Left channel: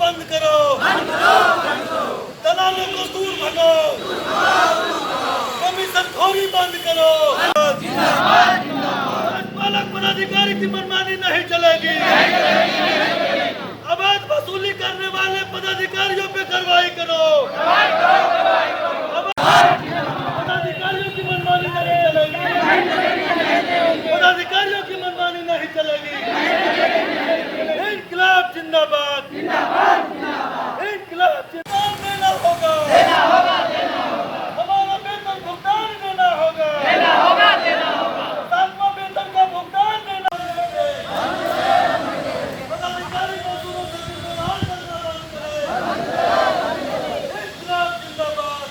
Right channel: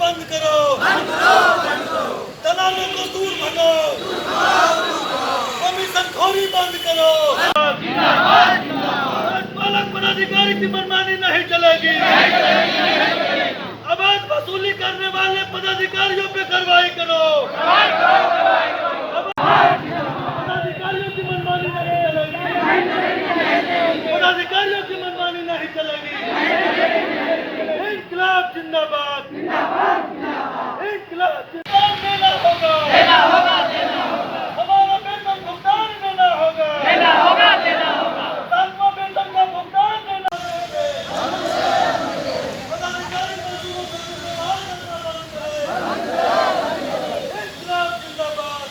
बंद करो, दलालों को दूर भगाओ, कमीशन खोरी बंद करो। पालक पदाधिकारी की मनमानी नहीं चलेगी। अवैध वसूली करने वाले पदाधिकारियों पे कार्रवाई करो। पदाधिकारियों की मनमानी नहीं चलेगी। पदाधिकारियों की मनमानी नहीं चलेगी। इंकलाब जिंदाबाद, इंकलाब जिंदाबाद। देना होगा, हमारा वेतन भुगतान देना होगा, सातवां वेतन का भुगतान देना होगा। पदाधिकारी मजदूरों से दुर्व्यवहार करना बंद करें। इंकलाब जिंदाबाद,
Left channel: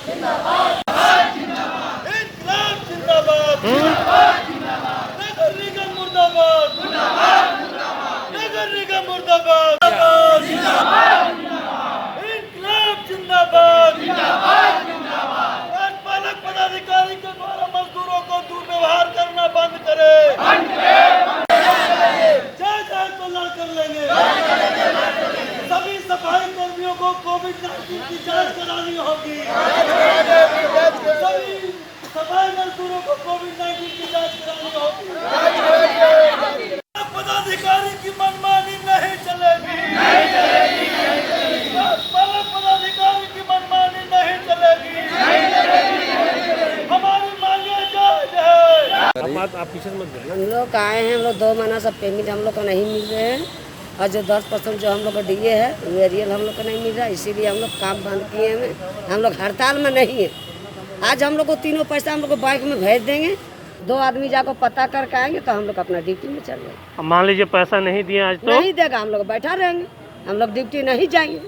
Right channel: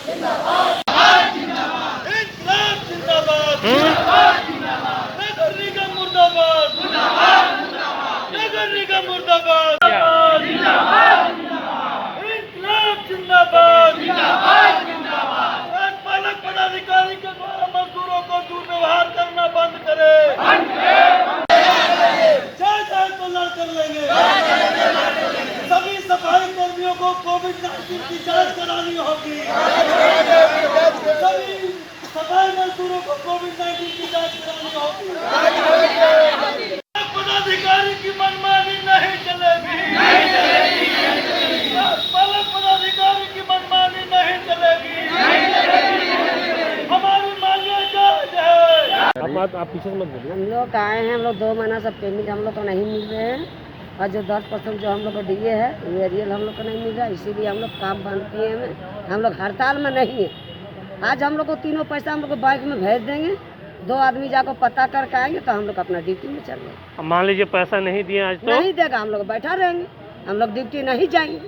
इंकलाब जिंदाबाद, नगर निगम मुर्दाबाद, नगर निगम मुर्दाबाद, इंकलाब जिंदाबाद, पालक पदाधिकारी के द्वारा मजदूरों को दुर्व्यवहार करना बंद करे। जांच को ला कर लेंगे। सभी सफाई कर्मियों को कोविड-19 की जांच करानी होगी। सभी सफाई मजदूरों को कोविड-19 की जांच करानी होगी। पदाधिकारी की मनमानी नहीं चलेगी। पालक पदाधिकारी की मनमानी नहीं चलेगी। हमारी मांगे जायज है। आप पीछे मत बोलिए। हम लोग आए हैं, हम लोग 2 महीना से पेमेंट हम लोग को नहीं मिल रहे हैं और जो 10% जो हम लोग को दिए है वेरियल हम लोग को नहीं मिल रहा है, इसीलिए हम लोग काम बंद किए हैं। हम लोग हड़ताल में नहीं है। आज हम लोग को तीनों पैसा हम लोग को बैंक में भेज देंगे। 2 आदमी जाकर पता करके आएंगे तो हम लोग अपना ड्यूटी में चल रहे। मान लीजिए पैसा नहीं दिए आज तो नहीं देगा, हम लोग बैठा रहेंगे, हम लोग ड्यूटी नहीं जाएंगे।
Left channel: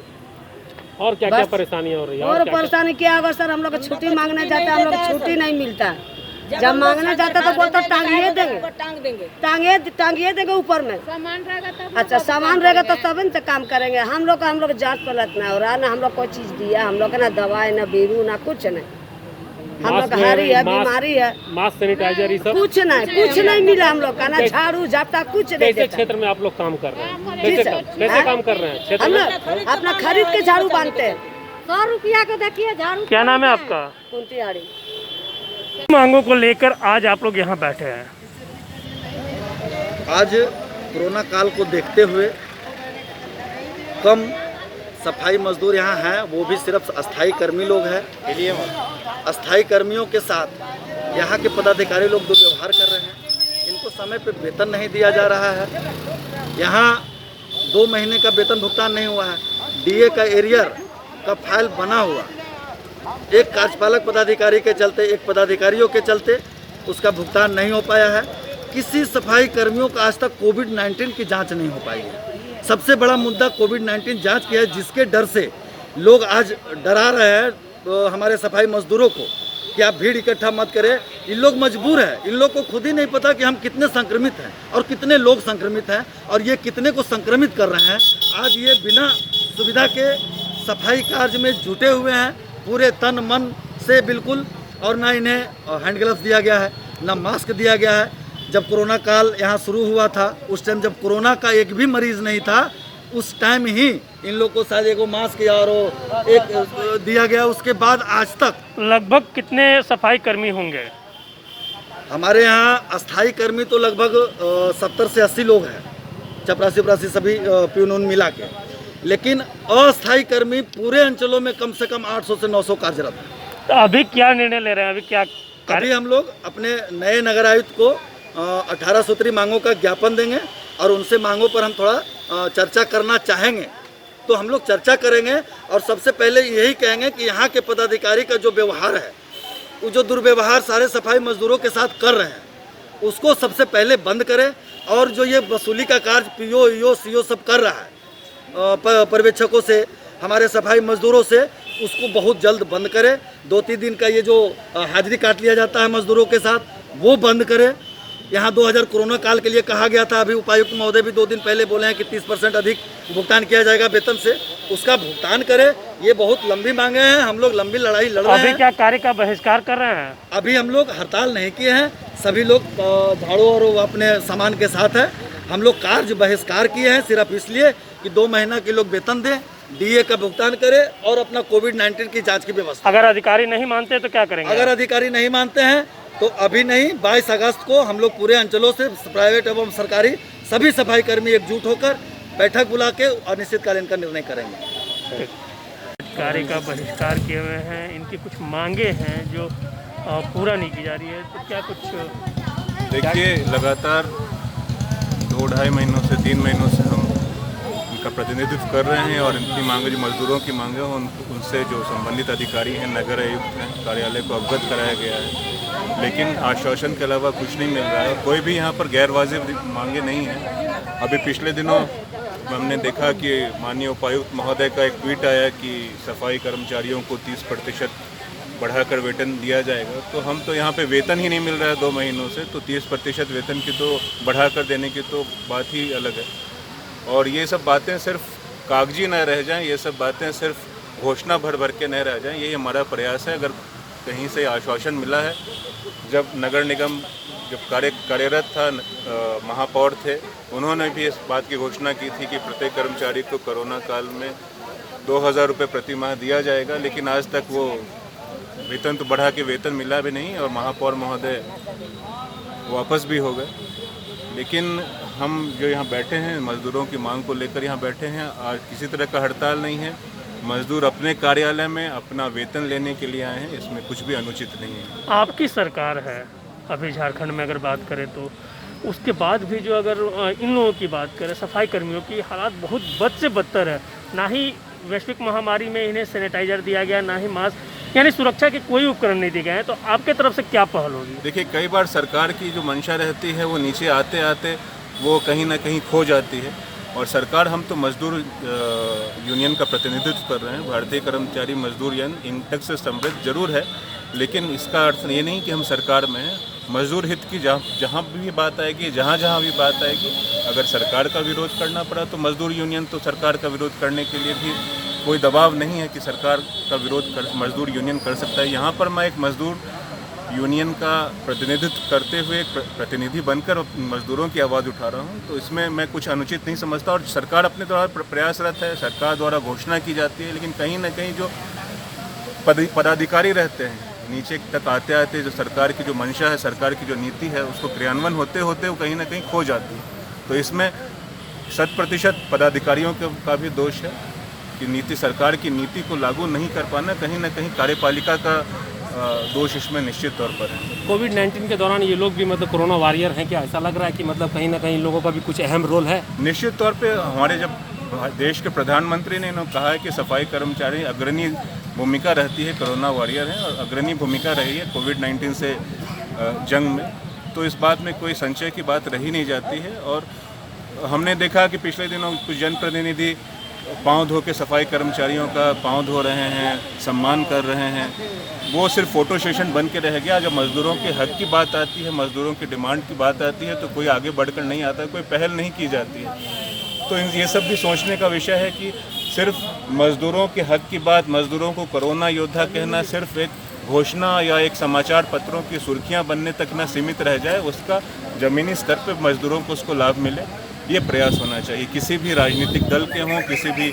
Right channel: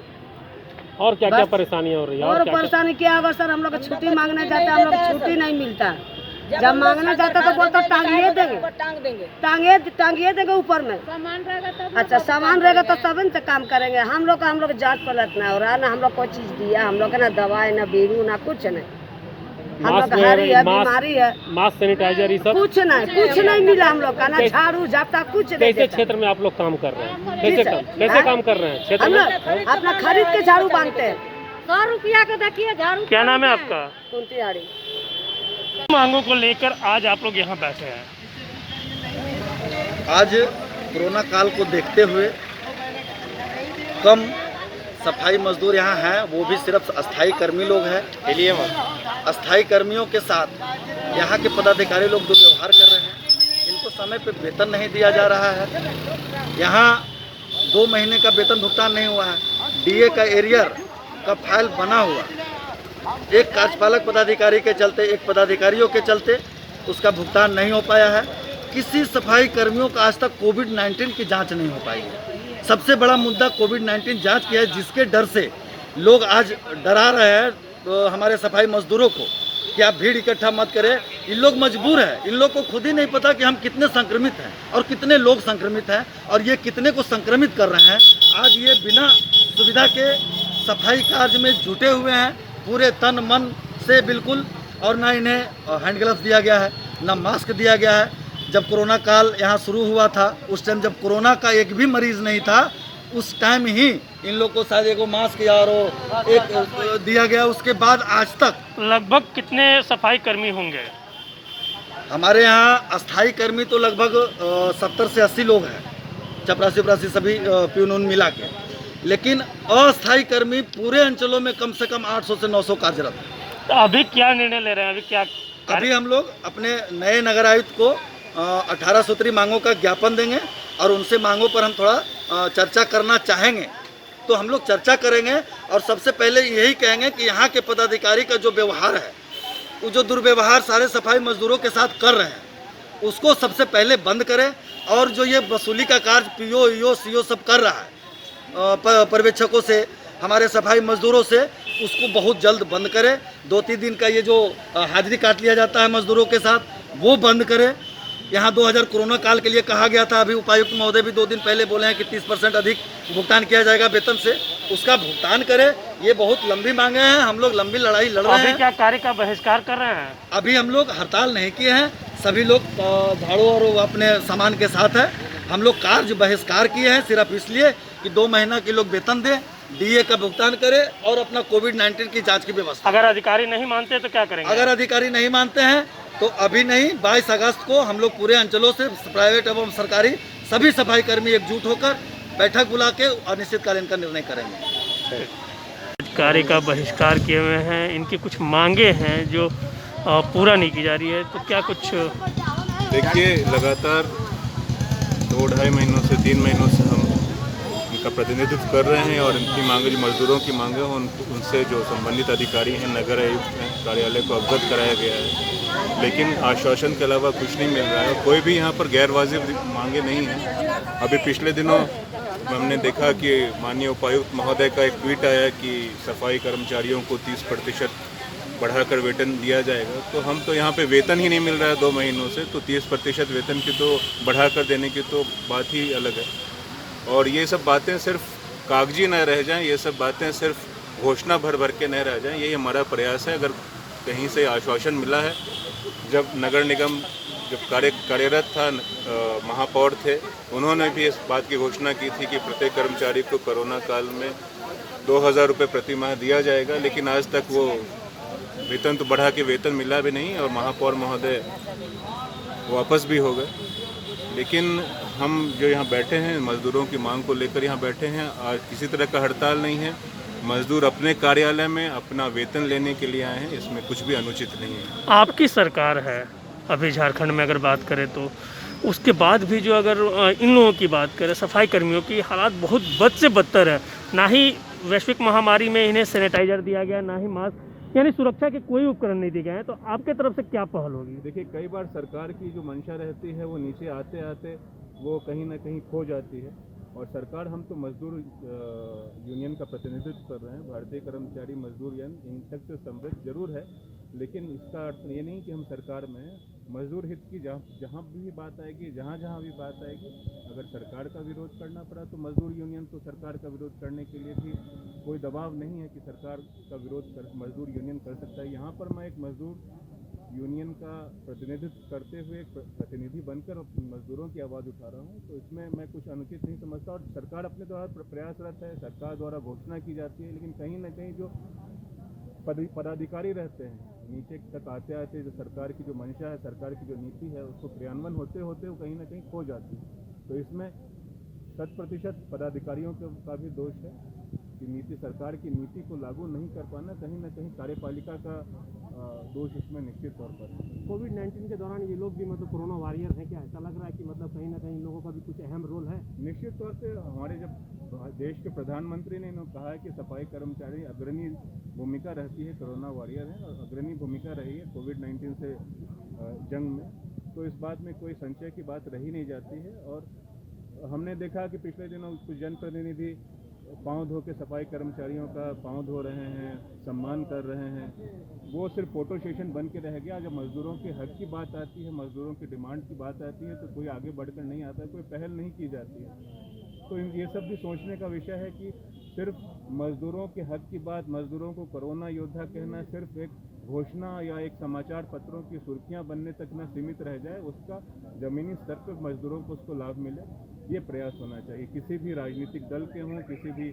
और क्या क्या परेशानियाँ हो रही है? और परेशानी क्या होगा सर? हम लोग छुट्टी मांगने जाते हैं, हम लोग छुट्टी नहीं मिलता। जब मांगने जाता तो बोलता टांगिए देंगे, टांगिए देंगे ऊपर में। अच्छा सामान रहेगा तो तब न काम करेंगे। हम लोग जांच पलटना है और ना हम लोग कोई चीज दिया, हम लोग ना दवाई ना बीरू ना कुछ नहीं। हम लोग हारी है, बीमारी है, मास्क सैनिटाइजर ये सब कुछ नहीं मिला हम लोग का, ना झाड़ू झापटा कुछ नहीं। कैसे क्षेत्र में आप लोग काम कर रहे हैं? कैसे काम कर रहे हैं क्षेत्र हम में? लोग अपना खरीद के झाड़ू बांधते हैं। 100 रुपया का देखिए झाड़ू। क्या नाम है आपका? कुंतिहारी। मांगों को लेकर आज आप लोग यहाँ बैठे हैं। आज कोरोना काल को देखते हुए कम सफाई मजदूर यहाँ हैं, वो भी सिर्फ अस्थाई कर्मी लोग हैं। अस्थाई कर्मियों के साथ यहाँ के पदाधिकारी लोग दुर्व्यवहार कर रहे हैं। इनको समय पे वेतन नहीं दिया जा रहा है। यहाँ 2 महीने का वेतन भुगतान नहीं हुआ है। डीए का एरियर का फाइल बना हुआ, एक कार्यपालक पदाधिकारी के चलते, एक पदाधिकारियों के चलते उसका भुगतान नहीं हो पाया है। किसी सफाई कर्मियों का आज तक कोविड-19 की जांच नहीं हो पाई है। सबसे बड़ा मुद्दा कोविड-19 जांच की है, जिसके डर से लोग आज डरा रहे हैं तो हमारे सफाई मजदूरों को कि आप भीड़ इकट्ठा मत करें। इन लोग मजबूर हैं, इन लोग को खुद ही नहीं पता कि हम कितने संक्रमित हैं और कितने लोग संक्रमित हैं और ये कितने को संक्रमित कर रहे हैं। आज ये बिना सुविधा के सफाई कार्य में जुटे हुए हैं पूरे तन मन से बिल्कुल, और ना इन्हें हैंड ग्लव्स दिया गया है, ना मास्क दिया गया है। जब कोरोना काल यहाँ शुरू हुआ था उस टाइम जब कोरोना का एक भी मरीज नहीं था, उस टाइम ही इन लोग को शायद एक मास्क या एक दिया गया। उसके बाद आज तक लगभग कितने सफाई कर्मी होंगे? हमारे यहाँ अस्थाई कर्मी तो लगभग 70 से 80 लोग हैं, चपरासी सभी प्यून मिला के। लेकिन अस्थाई कर्मी पूरे अंचलों में कम से कम 800 से 900 कार्यरत हैं। तो अभी क्या निर्णय ले रहे हैं? अभी हम लोग अपने नए नगर आयुक्त को 18 सूत्री मांगों का ज्ञापन देंगे और उनसे मांगों पर हम थोड़ा चर्चा करना चाहेंगे। तो हम लोग चर्चा करेंगे और सबसे पहले यही कहेंगे कि यहाँ के पदाधिकारी का जो व्यवहार है, वो जो दुर्व्यवहार सारे सफाई मजदूरों के साथ कर रहे हैं, उसको सबसे पहले बंद करें। और जो ये वसूली का कार्य पीओ ईओ सीओ सब कर रहा है पर्यवेक्षकों से, हमारे सफाई मजदूरों से, उसको बहुत जल्द बंद करें। 2-3 दिन का ये जो हाजिरी काट लिया जाता है मजदूरों के साथ, वो बंद करें। यहाँ 2000 कोरोना काल के लिए कहा गया था, अभी उपायुक्त महोदय भी 2 दिन पहले बोले हैं कि 30% अधिक भुगतान किया जाएगा वेतन से, उसका भुगतान करें। ये बहुत लंबी मांगे हैं, हम लोग लंबी लड़ाई लड़ रहे हैं। अभी क्या कार्य का बहिष्कार कर रहे हैं? अभी हम लोग हड़ताल नहीं किए हैं, सभी लोग झाड़ू और अपने सामान के साथ है। हम लोग कार्य बहिष्कार किए हैं सिर्फ इसलिए कि 2 महीना के लोग वेतन दें, डीए का भुगतान करे और अपना कोविड-19 की जांच की व्यवस्था। अगर अधिकारी नहीं मानते तो क्या करेंगे? अगर अधिकारी नहीं मानते हैं तो अभी नहीं, 22 अगस्त को हम लोग पूरे अंचलों से प्राइवेट एवं सरकारी सभी सफाई कर्मी एकजुट होकर बैठक बुला के अनिश्चितकालीन का निर्णय करेंगे। कार्य का बहिष्कार किए हुए हैं, इनकी कुछ मांगे हैं जो पूरा नहीं की जा रही है, तो क्या कुछ? देखिए, लगातार 2-2.5 महीनों से 3 महीनों से हम इनका प्रतिनिधित्व कर रहे हैं और इनकी मांगे, जो मजदूरों की मांगे हैं, उनसे जो संबंधित अधिकारी हैं, नगर आयुक्त हैं, कार्यालय को अवगत कराया गया है, लेकिन आश्वासन के अलावा कुछ नहीं मिल रहा है। कोई भी यहाँ पर गैर वाजिब मांगे नहीं हैं। अभी पिछले दिनों हमने देखा कि माननीय उपायुक्त महोदय का एक ट्वीट आया कि सफाई कर्मचारियों को 30% बढ़ाकर वेतन दिया जाएगा। तो हम तो यहाँ पे वेतन ही नहीं मिल रहा है 2 महीनों से, तो 30% वेतन की तो बढ़ाकर देने की तो बात ही अलग है। और ये सब बातें सिर्फ कागजी न रह जाएं, ये सब बातें सिर्फ घोषणा भर के न रह जाएं, यही हमारा प्रयास है। अगर कहीं से आश्वासन मिला है, जब नगर निगम जब कार्यरत था, महापौर थे, उन्होंने भी इस बात की घोषणा की थी कि प्रत्येक कर्मचारी को कोरोना काल में 2000 रुपये प्रति माह दिया जाएगा, लेकिन आज तक वो वेतन तो बढ़ा के वेतन मिला भी नहीं और महापौर महोदय वापस भी हो गए। लेकिन हम जो यहाँ बैठे हैं, मजदूरों की मांग को लेकर यहाँ बैठे हैं। आज किसी तरह का हड़ताल नहीं है, मजदूर अपने कार्यालय में अपना वेतन लेने के लिए आए हैं, इसमें कुछ भी अनुचित नहीं है। आपकी सरकार है अभी झारखंड में, अगर बात करें तो उसके बाद भी जो अगर इन लोगों की बात करें, सफाई कर्मियों की हालात बहुत बद से बदतर है। ना ही वैश्विक महामारी में इन्हें सैनिटाइजर दिया गया, ना ही मास्क, यानी सुरक्षा के कोई उपकरण नहीं दिए गए हैं। तो आपके तरफ से क्या पहल होगी? देखिए, कई बार सरकार की जो मंशा रहती है वो नीचे आते आते वो कहीं ना कहीं खो जाती है। और सरकार, हम तो मजदूर यूनियन का प्रतिनिधित्व कर रहे हैं, भारतीय कर्मचारी मजदूर यूनियन इंटक से समृद्ध जरूर है, लेकिन इसका अर्थ ये नहीं कि हम सरकार में हैं। मजदूर हित की जहाँ भी बात आएगी, जहाँ भी बात आएगी, अगर सरकार का विरोध करना पड़ा तो मजदूर यूनियन तो सरकार का विरोध करने के लिए भी कोई दबाव नहीं है कि सरकार का विरोध मजदूर यूनियन कर सकता है। यहाँ पर मैं एक मजदूर यूनियन का प्रतिनिधित्व करते हुए एक प्रतिनिधि बनकर मजदूरों की आवाज़ उठा रहा हूँ, तो इसमें मैं कुछ अनुचित नहीं समझता। और सरकार अपने द्वारा प्रयासरत है, सरकार द्वारा घोषणा की जाती है, लेकिन कहीं ना कहीं जो पदाधिकारी रहते हैं, नीचे तक आते आते जो सरकार की जो मंशा है, सरकार की जो नीति है, उसको क्रियान्वयन होते होते वो कहीं ना कहीं खो जाती है। तो इसमें 100% पदाधिकारियों का भी दोष है कि नीति, सरकार की नीति को लागू नहीं कर पाना, कहीं ना कहीं कार्यपालिका का दोष इसमें निश्चित तौर पर है। कोविड-19 के दौरान ये लोग भी मतलब कोरोना वॉरियर हैं क्या? ऐसा लग रहा है कि मतलब कहीं ना कहीं लोगों का भी कुछ अहम रोल है? निश्चित तौर पे हमारे जब देश के प्रधानमंत्री ने कहा है कि सफाई कर्मचारी अग्रणी भूमिका रहती है, कोरोना वॉरियर है और अग्रणी भूमिका रही है कोविड-19 से जंग में, तो इस बात में कोई संशय की बात रही नहीं जाती है। और हमने देखा कि पिछले दिनों कुछ जनप्रतिनिधि पाँव धो के सफाई कर्मचारियों का पाँव धो रहे हैं, सम्मान कर रहे हैं, वो सिर्फ फोटो सेशन बन के रह गया। जब मजदूरों के हक की बात आती है, मजदूरों की डिमांड की बात आती है, तो कोई आगे बढ़कर नहीं आता, कोई पहल नहीं की जाती है। तो ये सब भी सोचने का विषय है कि सिर्फ मजदूरों के हक की बात, मजदूरों को कोरोना योद्धा कहना सिर्फ एक घोषणा या एक समाचार पत्रों की सुर्खियां बनने तक न सीमित रह जाए, उसका ज़मीनी स्तर पर मजदूरों को उसको लाभ मिले, ये प्रयास होना चाहिए। किसी भी राजनीतिक दल के हों, किसी भी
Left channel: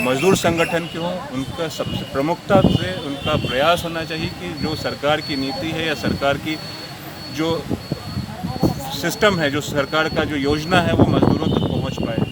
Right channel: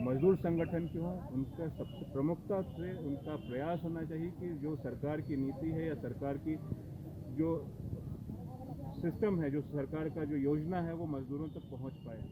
मजदूर संगठन के हों, उनका सबसे प्रमुखता से उनका प्रयास होना चाहिए कि जो सरकार की नीति है या सरकार की जो सिस्टम है, जो सरकार का जो योजना है, वो मजदूरों तक पहुंच पाए।